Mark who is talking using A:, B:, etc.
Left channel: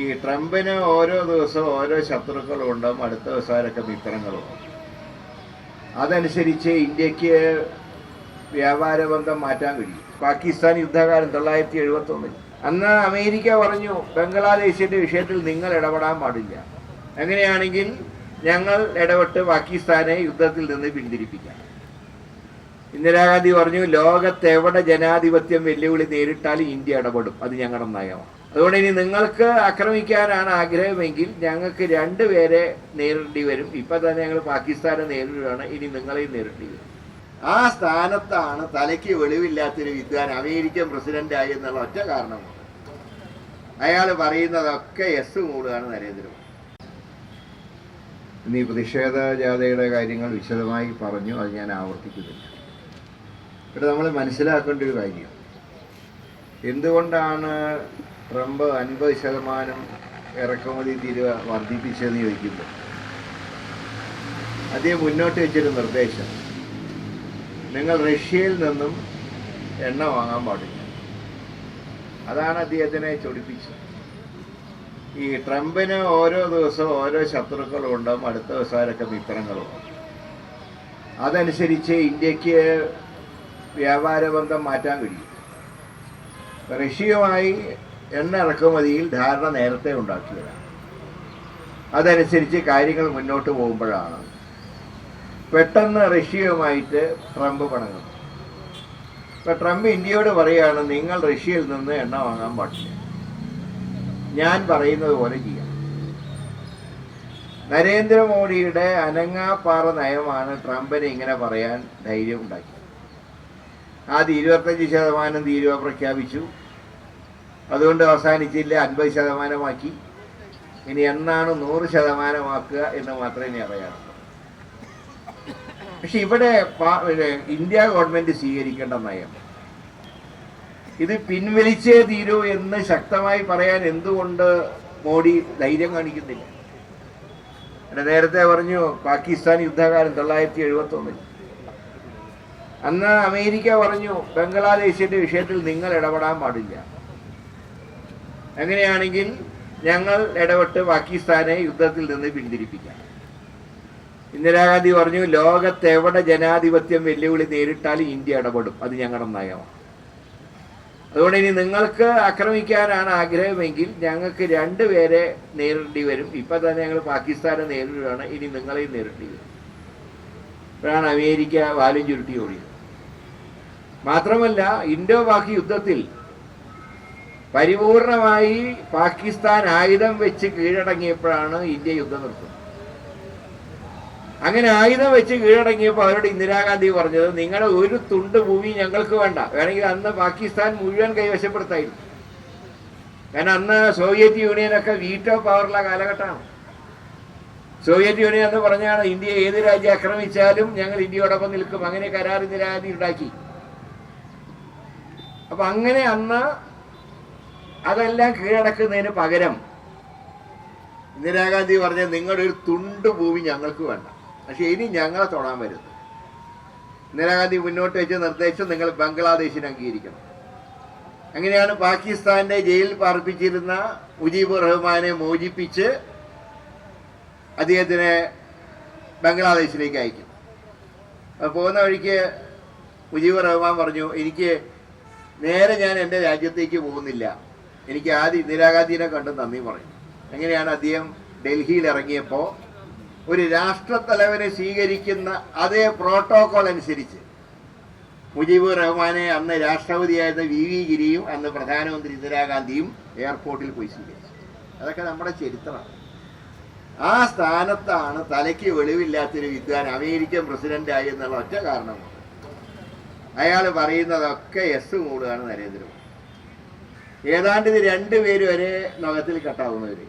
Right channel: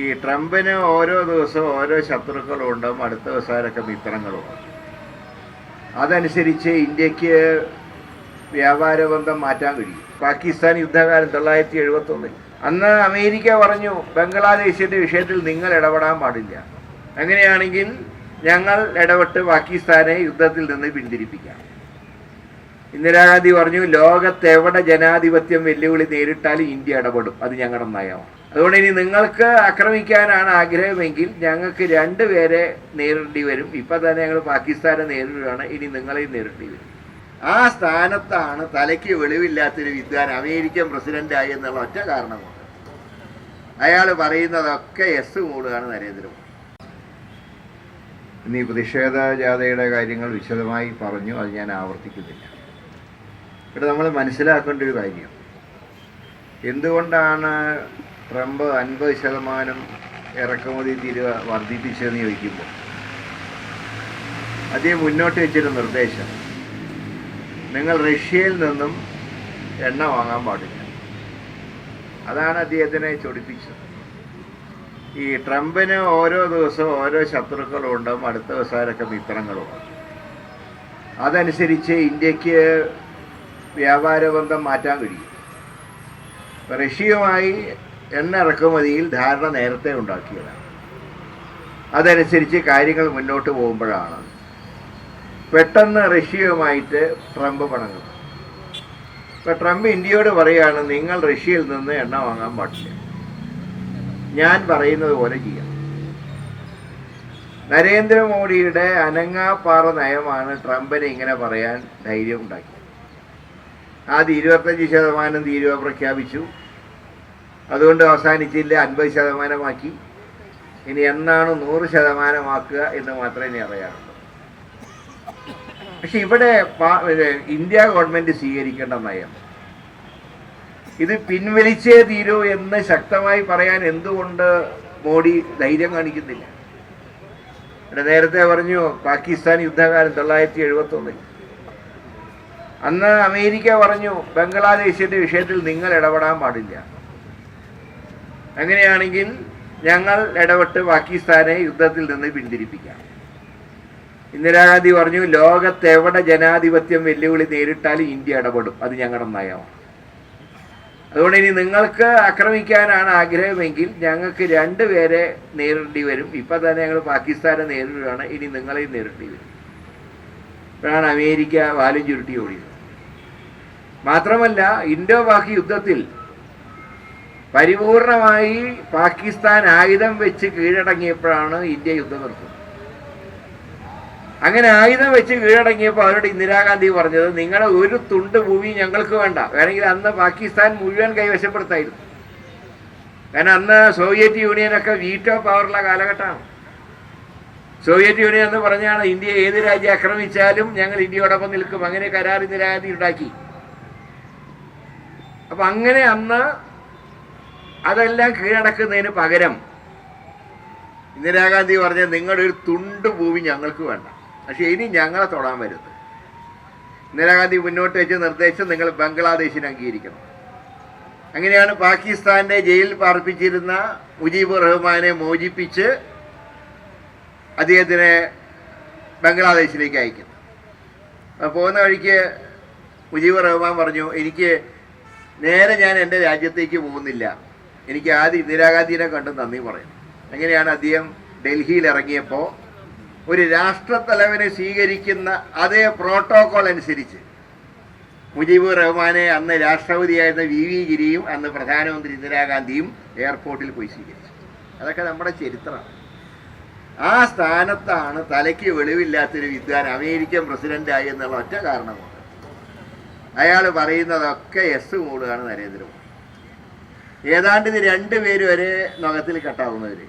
A: ഈ ട്രംപിന് ഓരോ ദിവസവും ഓരോ ശത്രുക്കളും ഉണ്ടാവും അടുത്ത ദിവസമൊക്കെ മിത്രങ്ങളും അതനുസരിച്ച് ഇന്ത്യയ്ക്ക് വ്യാപാര ബന്ധം മാറ്റാൻ കഴിയും. പാകിസ്ഥാൻ യുദ്ധകാലം തൊള്ളായിരത്തി എഴുപത്തൊന്നിൽ അന്ന് അമേരിക്ക പറഞ്ഞു ബംഗ്ലാദേശിന്റെ വിഷയത്തിൽ നിങ്ങൾ ഇടപെടാൻ പാടില്ല. അങ്ങനെയാണെങ്കിൽ ഞങ്ങൾ ഇടപെട്ട് പാകിസ്ഥാനെ യുദ്ധത്തിൽ നിന്ന് പിന്തിരിപ്പിക്കാം. ഇന്ദിരാഗാന്ധി പറഞ്ഞു ലോകത്ത് എവിടെ ജനാധിപത്യം വെല്ലുവിളി നേരിട്ടാലും ഇന്ത്യ ഇടപെടും. അത് ഞങ്ങളുടെ നയമാണ്. അതുകൊണ്ട് ഇനി നിങ്ങൾക്ക് ആക്രമിക്കാനാണ് ആഗ്രഹമെങ്കിൽ ഞങ്ങൾക്ക് രണ്ടുപേരെ നേരിടേണ്ടി വരും. ഇപ്പം തന്നെ ഞങ്ങൾ പാകിസ്ഥാനെ നേരിടുകയാണ്. ഇനി നിങ്ങളെയും നേരിടേണ്ടി വരും. ആ സ്ഥാനത്താണ് തലയ്ക്ക് വെളിവില്ലാത്തൊരു വിദ്വാൻ അമേരിക്കൻ പ്രസിഡന്റായി എന്നുള്ള ഒറ്റ കാരണമാണ് അയാൾ പറയുന്നതൊക്കെ എസ് കൂടുകയാണ് നരേന്ദ്രമോദി. ഇനി പ്രതിഷേധ ജാഥയുടെ കാര്യങ്ങൾ വിശദമായി പറഞ്ഞു. അത് ഞാൻ ആവർത്തിക്കുന്നില്ല. ഇവിടെ നമ്മൾ മനസ്സിലാക്കേണ്ട ഒരു കാര്യം. എന്തുകൊണ്ടാണ് ട്രംപ് അൻപത് ശതമാനം ഇറക്കുമതി തീരുവ വർദ്ധിപ്പിച്ചതെന്ന് ചോദിക്കുമ്പോൾ? അദ്ദേഹം മുന്നോട്ട് വെച്ചൊരു നിർദ്ദേശം. നിങ്ങൾ റഷ്യയിൽ നിന്നും എണ്ണ വാങ്ങാൻ പാടില്ല. അതാണ് അദ്ദേഹത്തിനെ ചൊടിപ്പിച്ചത്. ഈ ട്രംപിന് ഓരോ ദിവസവും ഓരോ ശത്രുക്കളും ഉണ്ടാവും അടുത്ത ദിവസമൊക്കെ മിത്രങ്ങളും അതനുസരിച്ച് ഇന്ത്യയ്ക്ക് വ്യാപാര ബന്ധം മാറ്റാൻ കഴിയും. റഷ്യയുമായി എണ്ണ ഇറക്കുമതിയിൽ ധാരണ നേരത്തെ ഉണ്ടാക്കിയതാണ്. അതനുസരിച്ച് കാര്യങ്ങൾ മുന്നോട്ട് പോകുമ്പോഴാണ് പെട്ടെന്ന് റഷ്യയുമായിട്ട് ട്രംപ് പണങ്ങുന്നത്. ഇപ്പൊ ട്രംപ് ഇന്ത്യയോട് പറയുകയാണ് നിങ്ങൾ റഷ്യയിൽ നിന്ന് എണ്ണ വാങ്ങാൻ പാടില്ല. ഞാൻ പറയുന്നത് പോലെ ചെയ്യാം. നരേന്ദ്രമോദിയുടെ അനങ്ങാപ്പാറ നയമാണ് ട്രംപിനെ ഇങ്ങനെ പറയാൻ ധൈര്യം ഉണ്ടാക്കിയത്. ആദ്യം ഇരുപത്തഞ്ച് ശതമാനം തീരുവ പ്രഖ്യാപിച്ചു. അതുകൊണ്ട് അവസാനിച്ചില്ല അൻപത് ശതമാനമാക്കി. ഇനി എന്നാണ് നൂറ് ശതമാനമാക്കുക എന്ന് മാത്രമേ ഇനി അറിയാറുള്ളൂ. പക്ഷെ ഇവിടെ ഇന്ത്യ ഗവൺമെന്റ് സ്വീകരിക്കേണ്ട നയം. ഇത് പിൻവലിച്ചേ തീരൂ എന്ന് ശക്തമായി പറയാൻ എന്തുകൊണ്ട് മോഡി ധൈര്യം കാണിക്കുന്നില്ല? നേരത്തെ പറഞ്ഞു പാകിസ്ഥാൻ യുദ്ധകാലം തൊള്ളായിരത്തി എഴുപത്തി ഒന്നിൽ അന്ന് അമേരിക്ക പറഞ്ഞു ബംഗ്ലാദേശിന്റെ വിഷയത്തിൽ നിങ്ങൾ ഇടപെടാൻ പാടില്ല. അങ്ങനെയാണെങ്കിൽ ഞങ്ങൾ ഇടപെട്ട് പാകിസ്ഥാനെ യുദ്ധത്തിൽ നിന്ന് പിന്തിരിപ്പിക്കാം. ഇന്ദിരാഗാന്ധി പറഞ്ഞു ലോകത്തെവിടെ ജനാധിപത്യം വെല്ലുവിളി നേരിട്ടാലും ഇന്ത്യ ഇടപെടും. അത് ഞങ്ങളുടെ നയമാണ്. അതുകൊണ്ട് ഇനി നിങ്ങൾക്ക് ആക്രമിക്കാനാണ് ആഗ്രഹമെങ്കിൽ ഞങ്ങൾക്ക് രണ്ടുപേരെ നേരിടേണ്ടി വരും. ഇപ്പം തന്നെ ഞങ്ങൾ പാകിസ്ഥാനെ നേരിടുകയാണ്. ഇനി നിങ്ങളെയും നേരിടേണ്ടി വരും. ഇപ്പോഴാണ് അമേരിക്ക വാലും ചുരുട്ടി ഓടിയത്. മാത്രമല്ല ഇന്തോ പാക് യുദ്ധത്തിൽ പരിപൂർണമായി പാകിസ്ഥാൻ ആയുധം വെച്ച് കീഴടങ്ങിയപ്പോഴാണ് ഇന്ത്യ യുദ്ധം നിർത്തുന്നത്. അങ്ങനെ ആയുധം വെച്ച് കീഴടങ്ങിയപ്പോൾ അവരോട് ഇന്ദിരാഗാന്ധി പറഞ്ഞത് നിങ്ങളെ ഒരു തുണ്ട് ഭൂമി ഞങ്ങൾക്ക് വേണ്ട. വേണമെങ്കിൽ അന്ന് പാകിസ്ഥാൻ മുഴുവൻ കൈവശപ്പെടുത്തായിരുന്നു. കാരണം അന്ന് സോവിയറ്റ് യൂണിയനൊക്കെ വീറ്റോ പവറുള്ള കാലഘട്ടമാണ്. സോവിയറ്റ് യൂണിയൻ എന്ന് പറഞ്ഞാണ് ഇന്ത്യ ഏത് രാജ്യം ആക്രമിച്ചാലും ഞങ്ങൾ ഇന്ത്യയോടൊപ്പം നിൽക്കും. അങ്ങനെ കരാർ ഇന്ദിരാഗാന്ധി ഉണ്ടാക്കി. അപ്പൊ അങ്ങനെ അന്ന് അതെല്ലാം കീഴടക്കുന്നതിന് പകരം ഇന്ദിരാഗാന്ധി പറഞ്ഞ നിങ്ങളുടെ ഒരു തുണ്ട് ഭൂമി ഞങ്ങൾക്ക് വേണ്ട. പക്ഷെ ഇനി ഞങ്ങളെ തൊടാൻ വരുന്നത് ഇന്ദിരാഗാന്ധി മുന്നോട്ട് വെച്ച നിർദ്ദേശം നിങ്ങൾ ബംഗ്ലാദേശിനെ അംഗീകരിക്കണം. അങ്ങനെയാണ് പാകിസ്ഥാന്റെ ജയിലിൽ പാർപ്പിച്ചിരുന്ന മുജീബ് റഹ്മാനെ മോചിപ്പിച്ച് അദ്ദേഹത്തിനെ ബംഗ്ലാദേശിലേക്ക് അയക്കുന്നത്. പോകുന്ന വഴിക്ക് മുജീബ് റഹ്മാൻ പറഞ്ഞു എനിക്ക് നേരെ ഞാൻ എന്റെ രാജ്യത്തേക്ക് പോകുന്നില്ല. എനിക്ക് ആദ്യം ഇന്ദിരാഗാന്ധിനെ കണ്ട് നന്ദി പറയുന്നു അങ്ങനെയാണ് അദ്ദേഹം ഡൽഹിയിൽ ഇറങ്ങിയപ്പോൾ ഒരു രാഷ്ട്രത്തലവനെ സ്വീകരിക്കുന്ന അതേ പ്രോട്ടോകോൾ അനുസരിച്ച്. മുജീബ് റഹ്മാനെ അന്ന് രാഷ്ട്രപതിയായിരുന്ന വി വി ഗിരിയും അന്ന് പ്രധാനമന്ത്രി ഇന്ദിരാഗാന്ധിയും എയർപോർട്ടിൽ പോയി സ്വീകരിച്ചു. അതൊക്കെ നമ്മുടെ ചരിത്രമാണ് ആ സ്ഥാനത്താണ് തലയ്ക്ക് വെളിവില്ലാത്തൊരു വിദ്വാൻ അമേരിക്കൻ പ്രസിഡന്റായി എന്നുള്ള ഒറ്റ കാരണമാണ് അയാൾ പറയുന്നതൊക്കെ എസ് കൂടുകയാണ് നരേന്ദ്രമോദി. ഏതാണ്ട് ഇത് രണ്ടുപേരും ഒരേ നഖത്തിൽ കെട്ടാവുന്നവര്